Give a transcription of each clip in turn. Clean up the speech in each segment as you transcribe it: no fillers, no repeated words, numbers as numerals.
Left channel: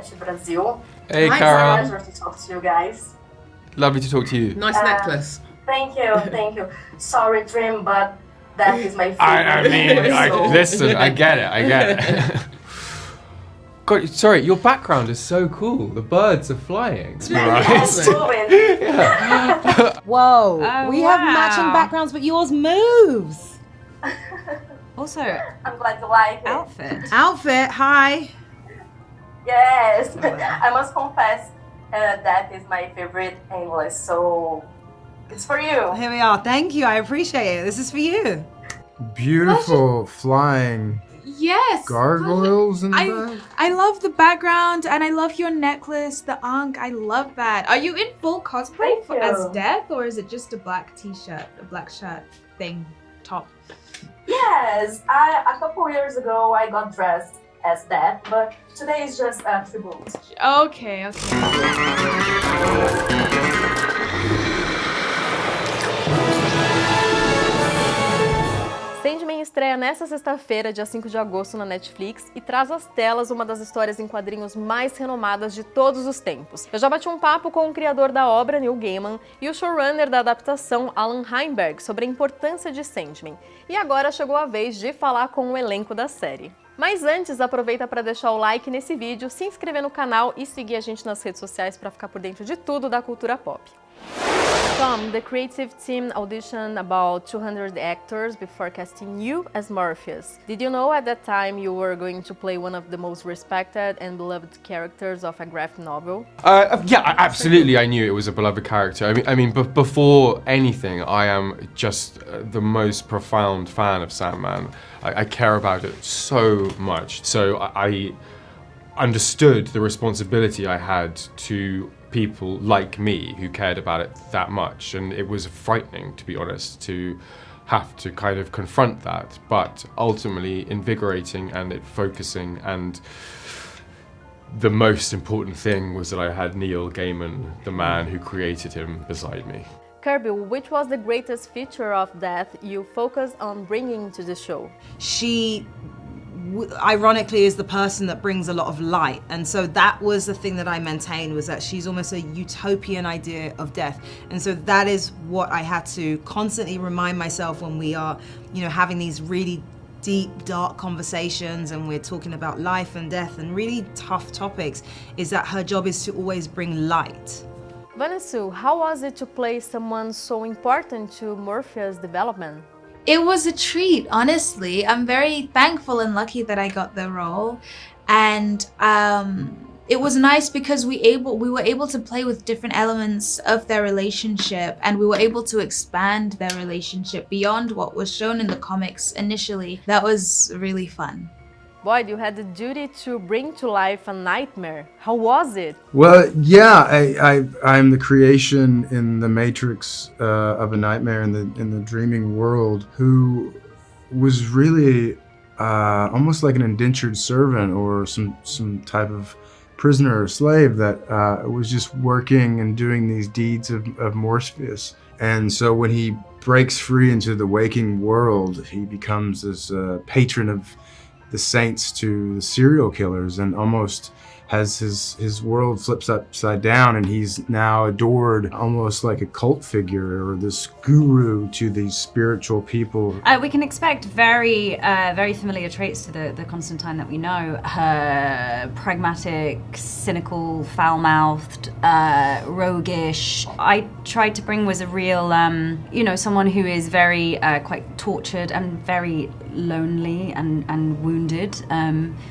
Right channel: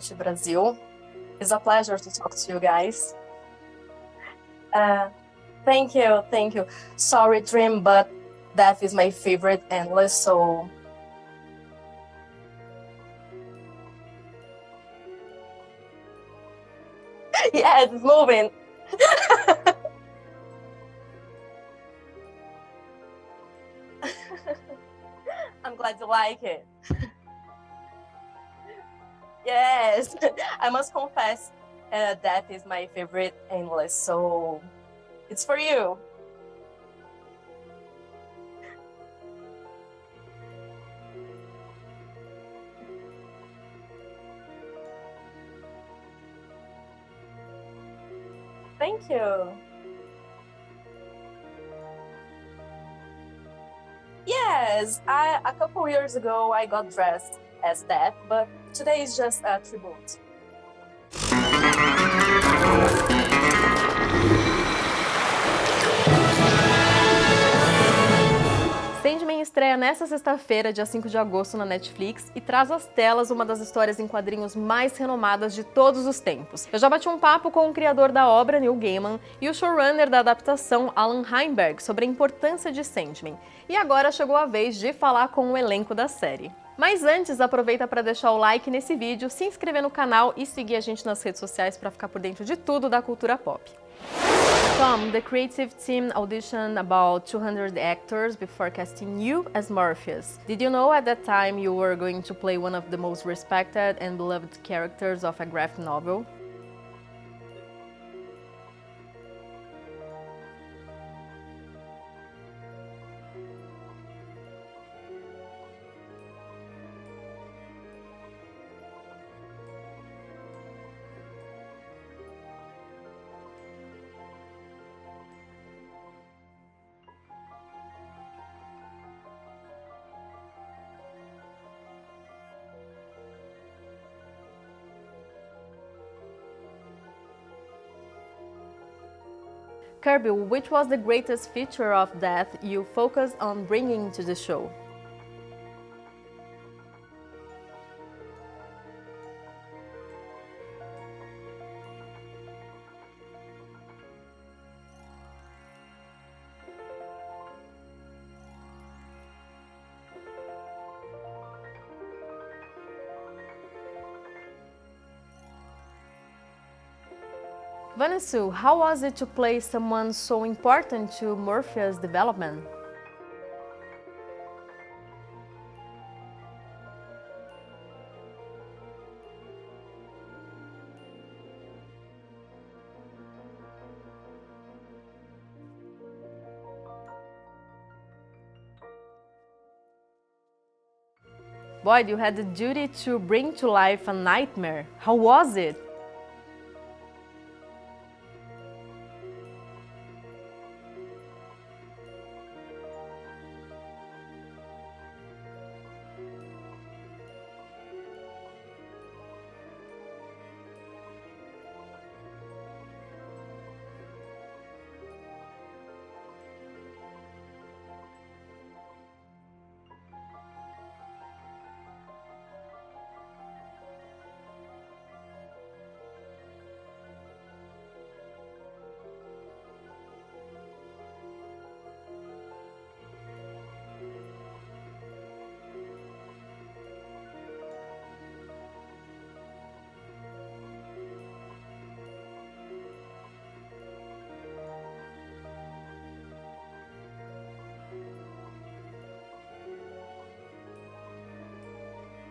NET Brazil. Hey, It's a Cara. pleasure to talk to you guys. Lovely to talk to you. Nice necklace. Thank you. Sorry, Trim, but that is my favorite I mean, English, so... listen, I get it. God, sorry, your background is so cool. The birds are flying. Yes, moving. Whoa, Oh, we have matching wow. backgrounds, but yours moves. Also, I'm glad you like it. Outfit, hi. Yes, I must confess that is my favorite English, so it's for you. Here we are. Thank you. I appreciate it. This is for you. Beautiful flying yes. gargoyles in the back. I love the background and I love your necklace, the ankh. I love that. Are you in full cosplay Thank you. as Death, or is it just a black t-shirt, a black shirt thing, top? Yes, a couple years ago I got dressed as that, but today is just a tribute. Okay. Sandman estreia nesta sexta-feira, dia 5 de agosto, na Netflix e traz às telas uma das histórias em quadrinhos mais renomadas de todos os tempos. Eu já bati um papo com o criador da obra, Neil Gaiman, e o showrunner da adaptação, Alan Heinberg, sobre a importância de Sandman. E agora chegou a vez de falar com o elenco da série. Mas antes, aproveita para deixar o like nesse vídeo, se inscrever no canal e seguir a gente nas redes sociais para ficar por dentro de tudo da cultura pop. Tom, the creative team auditioned about 200 actors before casting you as Morpheus. Did you know at that time you were going to play one of the most respected and beloved characters of a graphic novel? Yeah, absolutely. I knew it was a beloved character. I mean, before anything, I am just the most profound fan of Sandman. I care about it so much. So I understood the responsibility I had to people like me who cared about it that much, and it was frightening, to be honest, to have to kind of confront that, but ultimately invigorating and it focusing, and the most important thing was that I had Neil Gaiman, the man who created him, beside me. Kirby, which was the greatest feature of Death you focused on bringing to the show? She ironically is the person that brings a lot of light, and so that was the thing that I maintained, was that she's almost a utopian idea of death, and so that is what I had to constantly remind myself when we are, you know, having these really deep, dark conversations and we're talking about life and death and really tough topics, is that her job is to always bring light. Vanessa, how was it to play someone so important to Morpheus' development? It was a treat, honestly. I'm very thankful and lucky that I got the role, and it was nice because we were able to play with different elements of their relationship, and we were able to expand their relationship beyond what was shown in the comics initially. That was really fun. Boyd, you had the duty to bring to life a nightmare. How was it? Well, yeah, I'm the creation in the Matrix of a nightmare in the dreaming world, who was really almost like an indentured servant or some type of prisoner or slave that was just working and doing these deeds of Morpheus. And so when he breaks free into the waking world, he becomes this patron of the saints to the serial killers, and almost has his world flips upside down, and he's now adored almost like a cult figure or this guru to these spiritual people. We can expect very familiar traits to the Constantine that we know. Her pragmatic, cynical, foul-mouthed, roguish. I tried to bring was a real, someone who is very quite tortured and very lonely and wounded,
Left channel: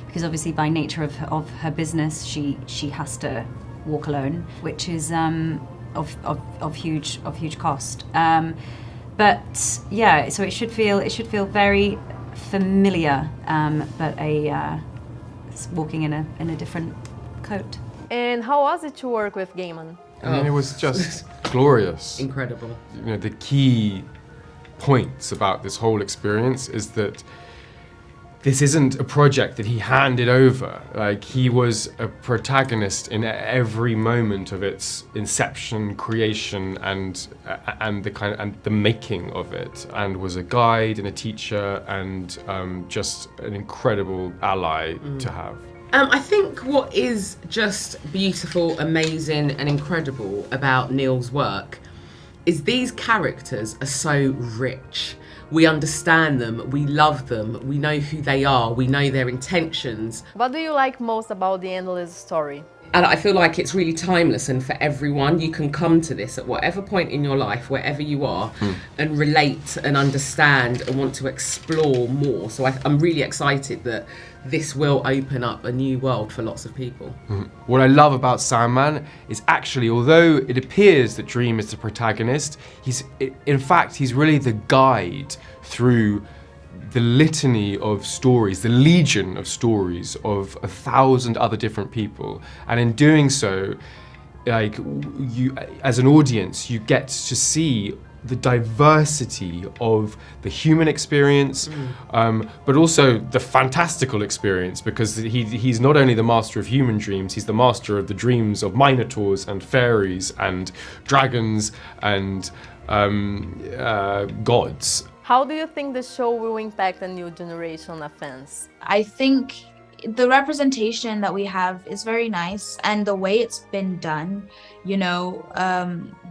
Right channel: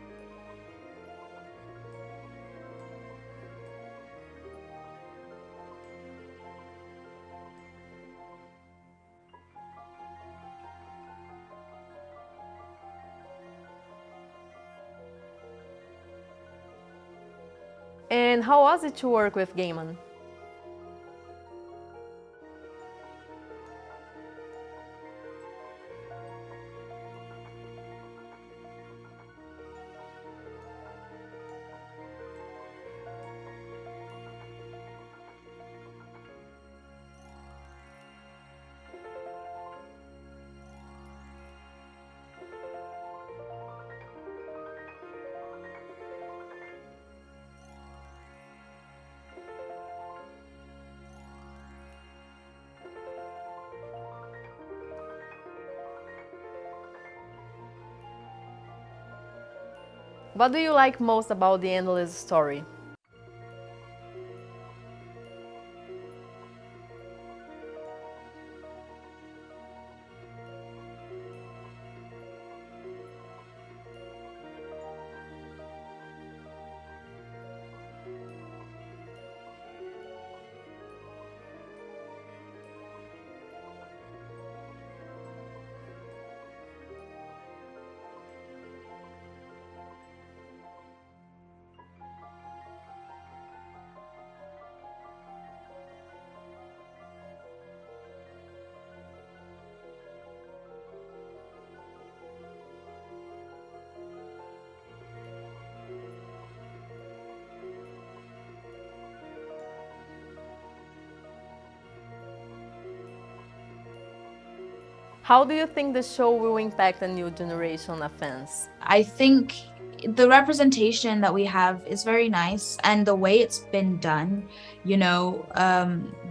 because obviously by nature of her business she has to walk alone, which is of huge cost. But yeah, so it should feel very familiar, but walking in a different coat. And how was it to work with Gaiman? I mean, it was just glorious. Incredible. You know, the key points about this whole experience is that this isn't a project that he handed over. Like, he was a protagonist in every moment of its inception, creation, and the making of it, and was a guide and a teacher and just an incredible ally to have. I think what is just beautiful, amazing, and incredible about Neil's work is these characters are so rich. We understand them, we love them, we know who they are, we know their intentions. What do you like most about the Endless story? And I feel like it's really timeless, and for everyone, you can come to this at whatever point in your life, wherever you are, and relate and understand and want to explore more. So I'm really excited that this will open up a new world for lots of people. What I love about Sandman is actually, although it appears that Dream is the protagonist, in fact, he's really the guide through the litany of stories, the legion of stories of 1,000 other different people. And in doing so, like, you, as an audience, you get to see the diversity of the human experience, but also the fantastical experience, because he's not only the master of human dreams, he's the master of the dreams of minotaurs and fairies and dragons and gods. How do you think the show will impact a new generation of fans? I think the representation that we have is very nice, and the way it's been done, you know,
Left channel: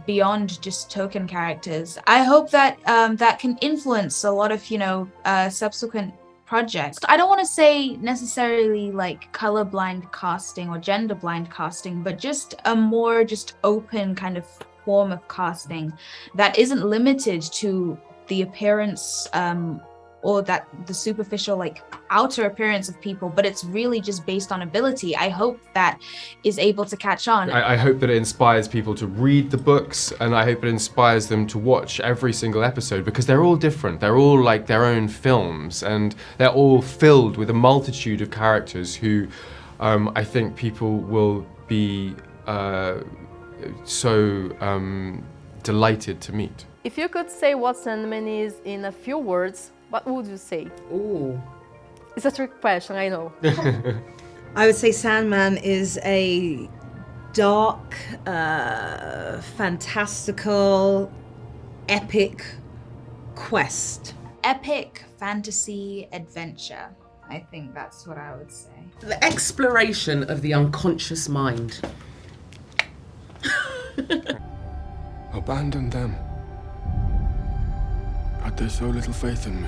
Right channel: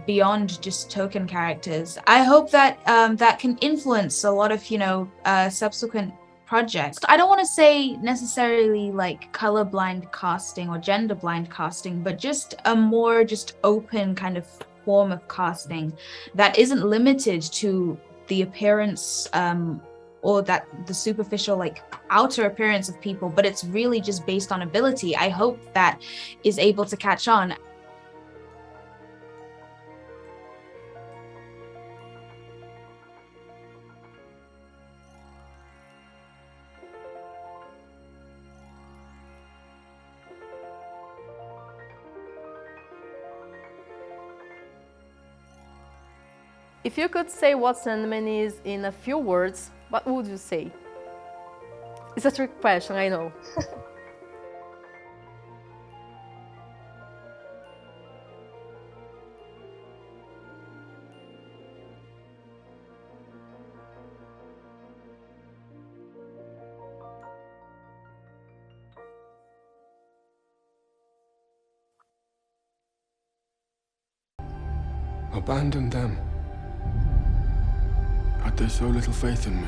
beyond just token characters. I hope that that can influence a lot of, you know, subsequent projects. I don't want to say necessarily like colorblind casting or gender blind casting, but just a more just open kind of form of casting that isn't limited to the appearance or that the superficial like outer appearance of people, but it's really just based on ability. I hope that is able to catch on. I hope that it inspires people to read the books, and I hope it inspires them to watch every single episode, because they're all different. They're all like their own films, and they're all filled with a multitude of characters who I think people will be so delighted to meet. If you could say what Sandman is in a few words, what would you say? Ooh. It's a trick question, I know. I would say Sandman is a dark, fantastical, epic quest. Epic fantasy adventure. I think that's what I would say. The exploration of the unconscious mind. Abandoned them. Had they so little faith in me?